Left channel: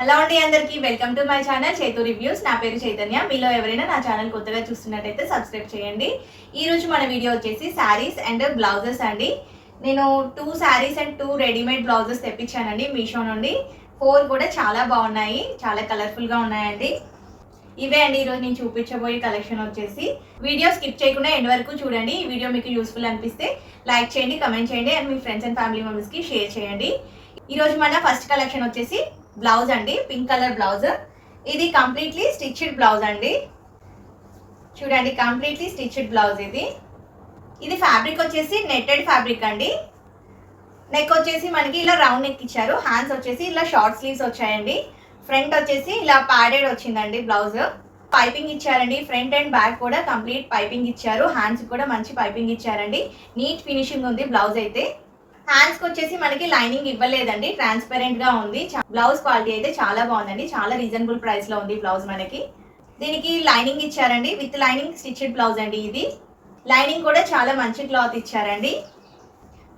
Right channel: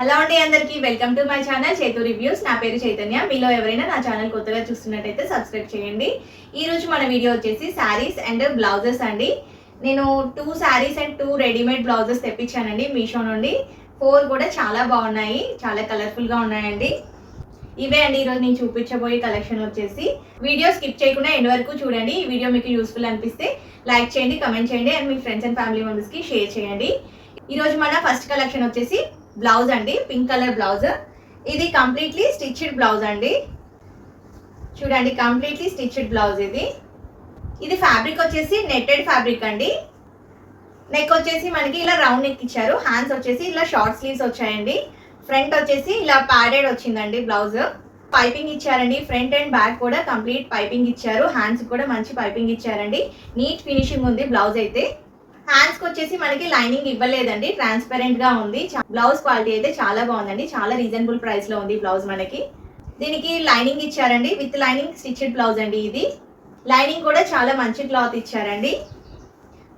Hello అండి, అందరికీ welcome to my channel చేతు రివ్యూస్. నా పేరు చైతన్య. మీలో ఎవరైనా నా ఛానల్ కొత్తగా చూస్తున్నట్టయితే సబ్స్క్రైబ్ చేయండి. ఈ రోజు మన వీడియో వచ్చేసి శారీస్ అండ్ బ్లౌజెస్ అండి. నేను 2 శారీస్ అండ్ 2 రెడీమేడ్ బ్లౌజెస్ తెప్పించానండి మీషో నుండి. 4 కూడా చాలా బాగున్నాయి, చాలా కలర్ఫుల్గా ఉన్నాయండి. ఇవే అండి ఈరోజు నేను చూపించబోయే కలెక్షన్ వచ్చేసి. వీడియో స్కిప్ చేయకుండా ఎండ్ వరకు చూడండి. ఈ వీడియో మీకు యూస్ఫుల్ అనిపిస్తే లైక్ చేయండి, కమెంట్ చేయండి and me friends and family మెంబర్స్కి షేర్ చేయండి. ఈరోజు మన ఫస్ట్ కలెక్షన్ వచ్చేసి బ్లౌజ్ అండి, పింక్ కలర్ బ్లౌజ్. ఇది కంప్లీట్లీ స్టిచ్డ్ బ్లౌజ్ అండి. చూడండి, కంప్లీట్లీ స్టిచ్డ్ బ్లౌజ్ ఇది ఫ్యాబ్రిక్ వచ్చేసి నెట్టెడ్ ఫ్యాబ్రిక్ అండి. నెక్ వచ్చేసి మనకి ఇలా రౌండ్ నెక్ ఇచ్చారు. హ్యాండ్స్ వచ్చేసి ఇలా షార్ట్ స్లీవ్స్ వచ్చాయండి. ఫ్రంట్ వచ్చేసి ఇలా ప్యాడెడ్ వచ్చిందండి బ్లౌజ్. పైపింగ్ ఇచ్చారండి, ఫ్రంట్ అండ్ బ్యాక్ కూడా కంప్లీట్ పైపింగ్ ఇచ్చారు. హ్యాండ్స్ కూడా మంచి పైపింగ్ ఇచ్చారండి. నీట్ ఫినిషింగ్ ఉంది బ్లౌజ్ అయితే. హ్యాండ్స్కి వచ్చేసి మనకి లైనింగ్ ఇవ్వలేదండి, ట్రాన్స్పరెంట్ గా ఉంది. బ్లౌజ్ క్వాలిటీ అయితే చాలా బాగుందండి, చాలా రీజనబుల్ ప్రైస్ లో ఉంది బ్లౌజ్ మనకి. దీనికి లైనింగ్ ఇచ్చారండి, విత్ లైనింగ్ స్టిచ్డ్ బ్లౌజ్ అండి ఇది. లైనింగ్ కూడా చాలా మంచి క్లాత్ ఇచ్చారండి.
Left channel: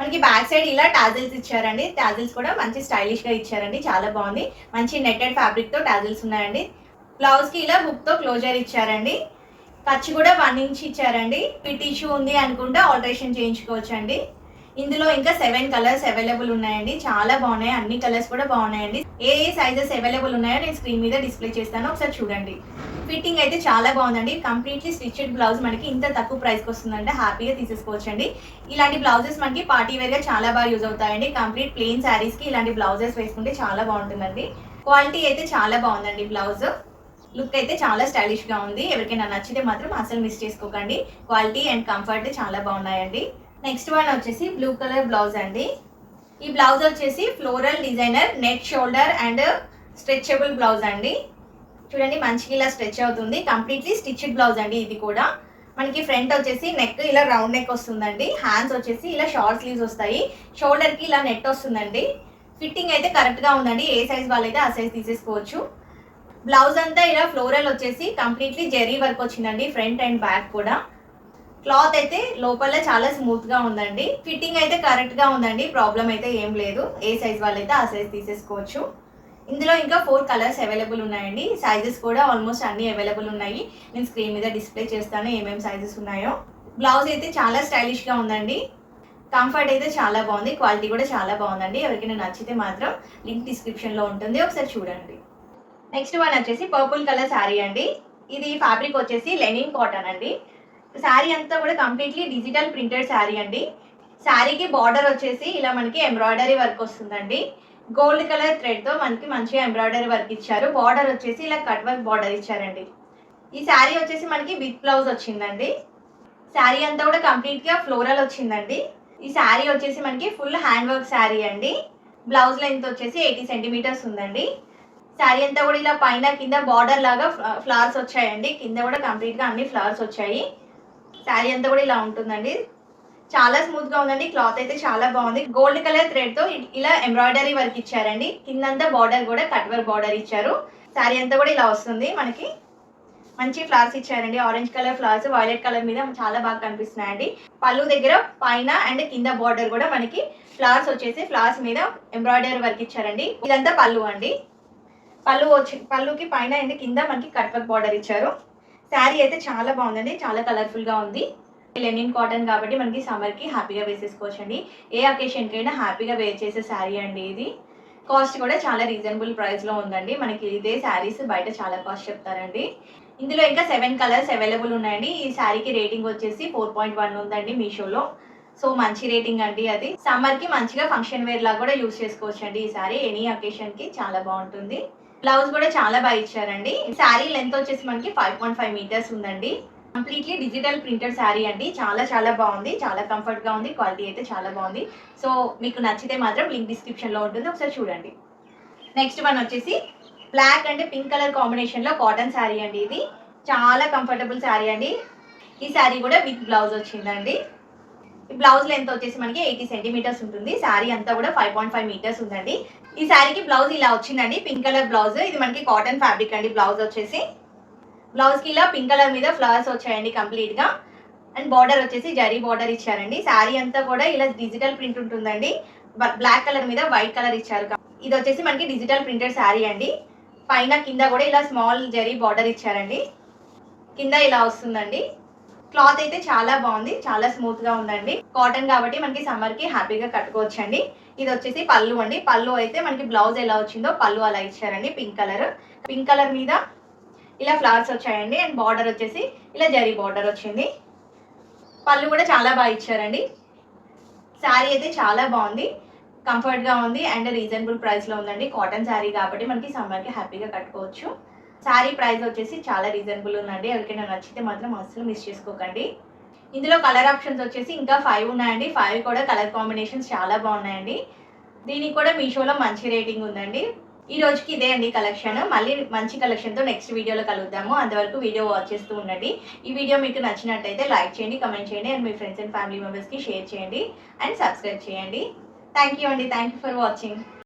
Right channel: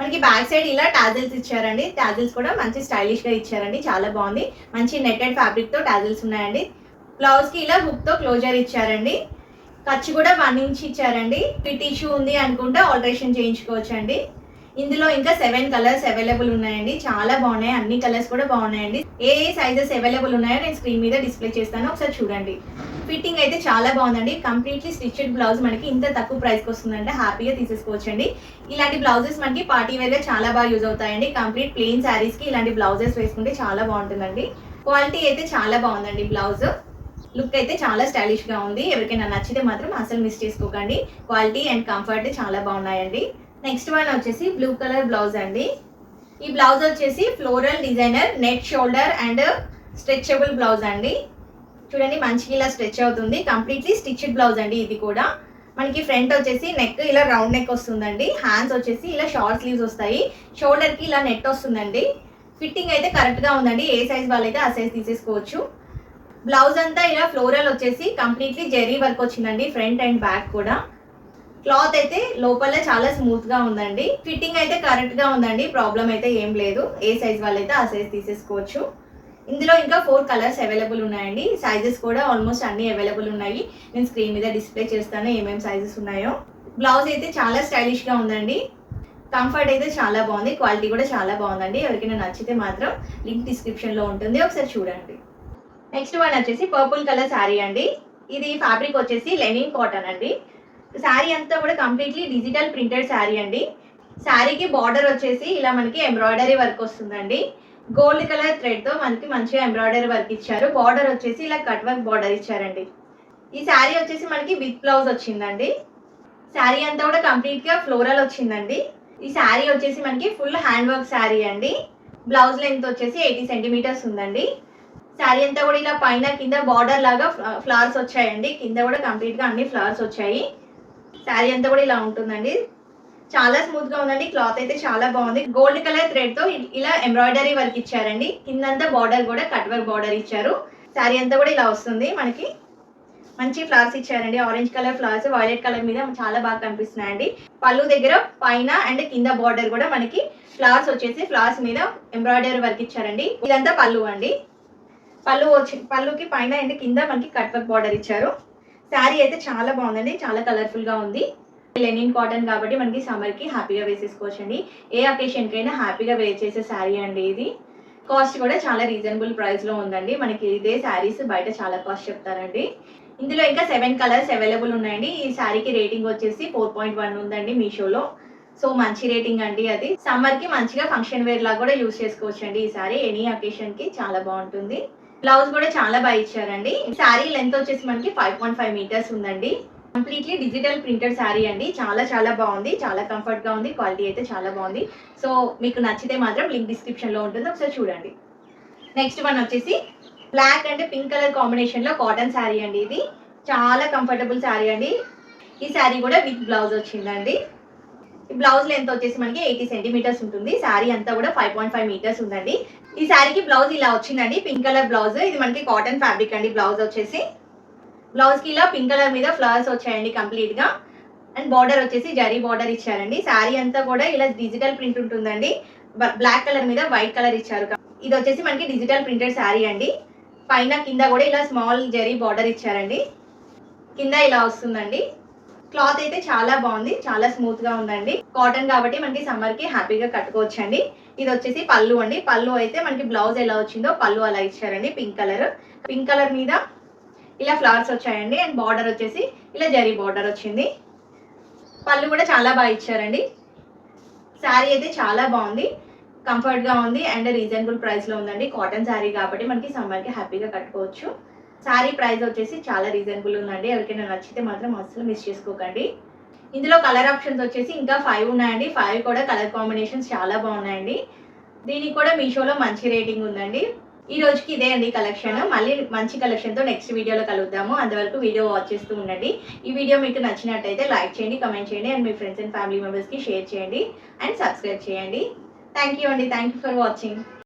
మనకి బ్యాక్ సైడ్ ఇలా టాజిల్స్ ఇచ్చారండి. టాజిల్స్ కూడా మంచి స్టైలిష్ గా ఇచ్చారండి, చాలా బాగుంది. మంచి నెట్టెడ్ ఫ్యాబ్రిక్ తో టాజిల్స్ ఉన్నాయండి. బ్లౌజ్ కి ఇలా హుక్ తో క్లోజర్ ఇచ్చారండి. ఖర్చు కూడా 1 ఇంచ్ ఇచ్చారండి. ఫిట్ ఇష్యూ ఉంది అనుకుంటే ఆల్టరేషన్ చేయించుకోవచ్చు అండి. ఇందులో ఇంకా 7 కలర్స్ అవైలబుల్ ఉన్నాయండి, చాలా బాగున్నాయి. అన్ని కలర్స్ కూడా బాగున్నాయండి. ఏ సైజెస్ అవైలబుల్ ఉన్నాయో నేను స్క్రీన్ మీద డిస్ప్లే చేస్తాను, ఒకసారి చూడండి. ఫిట్టింగ్ అయితే చాలా బాగుందండి. కంప్లీట్లీ స్టిచ్డ్ బ్లౌజ్ మనకి ఇంత తక్కువ ప్రైస్కి వస్తుందంటే హ్యాపీగా తీసేసుకోవచ్చండి. ఇలాంటి బ్లౌజెస్ మనకి పార్టీ వేర్గా చాలా బాగా యూజ్ అవుతాయండి. కంప్లీట్ ప్లెయిన్ శారీస్కి ఇలాంటి బ్లౌజెస్ వేసుకుంటే చాలా బాగుంటుందండి. క్వాలిటీ అయితే చాలా బాగుందండి. బ్లౌజ్ లుక్ అయితే చాలా స్టైలిష్గా ఉంది. ఎవరికైనా నచ్చితే మాత్రం అసలు మిస్ చేసుకోకండి. క్వాలిటీ అండ్ కంఫర్ట్ చాలా బాగున్నాయండి. నెక్స్ట్ వన్ వచ్చేసి బ్లూ కలర్ బ్లౌజ్ అండి. ఈ బ్లౌజ్ వచ్చేసి floral designer net shoulder and stretchable blouse అండి. చూడండి, మంచిగా ఇలా స్ట్రెచ్ అవుతుంది. కంప్లీట్లీ స్టిచ్డ్ బ్లౌజ్ అండి. ఇది కూడా మనకి ఫ్రంట్ వచ్చేసి నెక్ ఇలా రౌండ్ నెక్ వస్తుందండి. హ్యాండ్స్ వచ్చేసి ఇలా షార్ట్ స్లీవ్స్ వస్తాయి. షోల్డర్కి ఇలా నెట్ వస్తుందండి. ఫిట్టింగ్ అయితే కరెక్ట్గా ఉందండి. ఏ సైజ్ వాళ్ళైతే ఆ సైజ్ తీసేసుకోవచ్చు. బ్లౌజ్ అంతా ఇలా ఫ్లోరల్ వచ్చేసి కంప్లీట్లీ జెరీ వర్క్ వచ్చిందండి, ఫ్రంట్ అండ్ బ్యాక్ కూడా. క్లాత్ అయితే లోపల చాలా స్మూత్ గా ఉందండి. ఫిట్టింగ్ అయితే కరెక్ట్ గా ఉందండి, ప్రాబ్లం అయితే ఏం లేదు. ఏ సైజ్ వాళ్ళైతే ఆ సైజ్ తీసేసుకోవచ్చు. ఇందులో ఇంకా 4 కలర్స్ అవైలబుల్ ఉన్నాయండి. సైజెస్ కూడా ఆల్మోస్ట్ అన్ని అవైలబుల్ ఉన్నాయి. నేను స్క్రీన్ మీద డిస్ప్లే చేస్తాను ఏమేమి సైజెస్ ఉన్నాయో. బ్లౌజ్ అయితే చాలా స్టైలిష్ గా ఉందండి. కంఫర్ట్ అయితే చాలా బాగుంది, క్వాలిటీ కూడా చాలా బాగుందండి. ఎవరికైనా నచ్చితే మాత్రం లింక్ డిస్క్రిప్షన్ లో ఉంటుంది, ఒకసారి చూడండి. నెక్స్ట్ వన్ వచ్చేసి పర్పుల్ కలర్ శారీ అండి. ఇది ఫ్యాబ్రిక్ వచ్చేసి లెనిన్ కాటన్ అండి. శారీ అంతా కూడా కంప్లీట్లీ డిజిటల్ ప్రింటెడ్ శారీ అండి. శారీకి బార్డర్ వచ్చేసి ఇలా మనకి ఎంబ్రాయిడరీ వర్క్ వస్తుందండి. గోల్డ్ కలర్ థ్రెడ్ తో మనకి మంచిగా ఎంబ్రాయిడరీ వర్క్ ఇచ్చారు. బార్డర్ వచ్చేసి ఇలా కట్ వర్క్ బార్డర్ ఇచ్చారండి. ఈ శారీ వచ్చేసి మనకి విత్ బ్లౌజ్ వచ్చిందండి. శారీ అంతా కూడా కంప్లీట్ గా ఫ్లోరల్ వచ్చిందండి. ఈ శారీ వచ్చేసి మనకి ఫుల్ హ్యాండ్ వర్క్ శారీ అండి. బ్లౌజ్ లెంత్ వచ్చేసి 80 సెంటీమీటర్స్ ఉందండి. శారీ అంతా కూడా ఇలా పైన కింద బార్డర్ లాగా ఫ్లవర్స్ వచ్చాయండి. కింద కూడా కంప్లీట్ గా అన్ని ఫ్లవర్స్ వచ్చాయి. శారీ అంతా కూడా ఇలా ఉంటుందండి. చాలా స్మూత్ గా ఉందండి. క్లాత్ అయితే చాలా బాగుంది. గోల్డ్ కలర్ థ్రెడ్ తో ఇలా ఎంబ్రాయిడరీ వర్క్ ఇచ్చారండి. కిందంతా బార్డర్ కూడా కట్ వర్క్ బార్డర్ ఇచ్చారు. శారీ అంతా కూడా ఇలా వస్తుంది. మనకి మంచి ఫ్లవర్స్ ఇచ్చారండి. Orange colour flowers violet colour మీద చాలా బాగా కనిపిస్తున్నాయండి. పళ్ళు దగ్గర పైన అండ్ కింద బార్డర్ కూడా మనకి ఫ్లవర్స్ వచ్చేసి ఫ్లవర్స్ మీద ఎంబ్రాయిడరీ వర్క్ ఇచ్చారండి. ఇదంతా పళ్ళు అండి. పళ్ళుకి పైన అండ్ కింద మనకి కట్ వర్క్ బార్డర్ ఇచ్చారు. శారీ అయితే చాలా బాగుందండి, చాలా కలర్ఫుల్ గా ఉంది. లెనిన్ కాటన్ కాబట్టి మనకి సమ్మర్ కి హ్యాపీగా వేసేసుకోవచ్చు అండి. ఏ అకేషన్ కైనా హ్యాపీగా వేర్ చేసే శారీ అండి ఇది. కాస్ట్ కూడా చాలా రీజనబుల్ ప్రైస్ లో ఉందండి. మనకి ఇదే శారీస్ బయట చాలా కాస్ట్ చెప్తారండి. ఇందులో ఇంకా 7 కలర్స్ అవైలబుల్ ఉన్నాయండి. ఈ శారీకి రేటింగ్ వచ్చేసి 4.1 ఉందండి మీషోలో. సో మంచి రేటింగ్ అండి. అది సమ్మర్ కి మంచిగా ఫంక్షన్ వేర్ లాగా కూడా యూజ్ చేసుకోవచ్చు అండి. ఈ శారీ ఎనీ అకేషన్ కి చాలా బాగుంటుంది. బ్లౌజ్ కూడా చాలా బాగా ఇచ్చారండి. శారీ లెంత్ వచ్చేసి మనకి 5.5 మీటర్స్ ఉందండి. కంప్లీట్లీ డిజిటల్ ప్రింటెడ్ శారీ అండి. చాలా చాలా బాగుంది, చాలా కంఫర్ట్ గా ఉంది. క్వాలిటీ అయితే చాలా బాగుంది. సో మీకు నచ్చితే మాత్రం లింక్ డిస్క్రిప్షన్ లో ఉంటుంది, ఒకసారి చూడండి. నెక్స్ట్ వన్ వచ్చేసి black and pink colour combination లో కాటన్ శారీ అండి. ఇది చాలా కంఫర్టబుల్ శారీ అండి. ఈ శారీ కూడా విత్ బ్లౌజ్ వచ్చిందండి. ఈ బ్లౌజ్ లెంత్ వచ్చేసి మనకి 80 సెంటీమీటర్స్ ఉంటుంది. శారీ అంతా కూడా 5.5 మీటర్స్ ఉందండి. ఈ శారీకి బ్లౌజ్ ఇలా వచ్చిందండి, పింక్ కలర్ బ్లౌజ్. ఇది మనకి కాటన్ ఫ్యాబ్రిక్ అండి. బ్లౌజ్ వచ్చేసి బ్లౌజ్ కి ఇలా పింక్ కలర్ మీద ఫ్లవర్స్ వచ్చాయండి కంప్లీట్ గా. అండ్ బార్డర్ వచ్చేసి జరీ బార్డర్ ఇచ్చారండి. శారీ అంతా కూడా ఇలా డిజిటల్ ప్రింట్ ఉంటుందండి. బ్లాక్ కలర్ మీద వైట్ కలర్ ఇచ్చారు. ఇది వచ్చేసి మనకి డిజిటల్ ప్రింటెడ్ శారీ అండి. పైన కింద కూడా ఇలా స్మాల్ జరీ బార్డర్ ఇచ్చారండి. కింద ఇలా వస్తుందండి. క్లాత్ అయితే చాలా బాగుంది, చాలా స్మూత్ గా ఉందండి. కాటన్ కాబట్టి మనకి సమ్మర్ కి హ్యాపీగా కట్టుకోవచ్చండి. ఇది వచ్చేసి పళ్ళు అండి. పళ్ళు అయితే మనకి బ్లౌజ్ ఎలా వచ్చిందో పళ్ళు అలా ఇచ్చారండి. పింక్ కలర్ మీద ఇలా ఫ్లవర్స్ వచ్చాయండి. అండ్ బార్డర్ వచ్చేసి ఇలా జరీ బార్డర్ వచ్చింది. పళ్ళు కూడా చాలా బాగా ఇచ్చారండి. శారీ అయితే చాలా బాగుంది, కంఫర్ట్ గా ఉంది అండ్ రీజనబుల్ ప్రైస్ లో ఉందండి. కాటన్ శారీ కాబట్టి మనకి సమ్మర్ కి హ్యాపీగా కట్టుకోవచ్చు. శారీ ప్రైస్ వచ్చేసి చాలా రీజనబుల్ ఉందండి. ఎవరికైనా నచ్చితే మాత్రం అస్సలు మిస్ చేసుకోకండి. ఇందులో కలర్ ఆప్షన్స్ వచ్చేసి ఇంకా 5 ఉన్నాయండి. 5 కూడా కలర్ కాంబినేషన్స్ చాలా బాగున్నాయండి. దీనికి కూడా మీషోలో మంచి రేటింగ్ ఉందండి. ఈ రోజుకి ఇదే అండి కలెక్షన్. మళ్ళీ మంచి కలెక్షన్తో నెక్స్ట్ వీడియోలో కలుద్దాము. అంతవరకు వీడియో వాచ్ చేస్తూ ఉండండి. ఈ వీడియో మీకు నచ్చినట్టయితే లైక్ చేయండి, కమెంట్ చేయండి and me friends and family మెంబర్స్కి షేర్ చేయండి అండ్ సబ్స్క్రైబ్ చేయండి. థ్యాంక్ యూ అండి. Thank you for watching.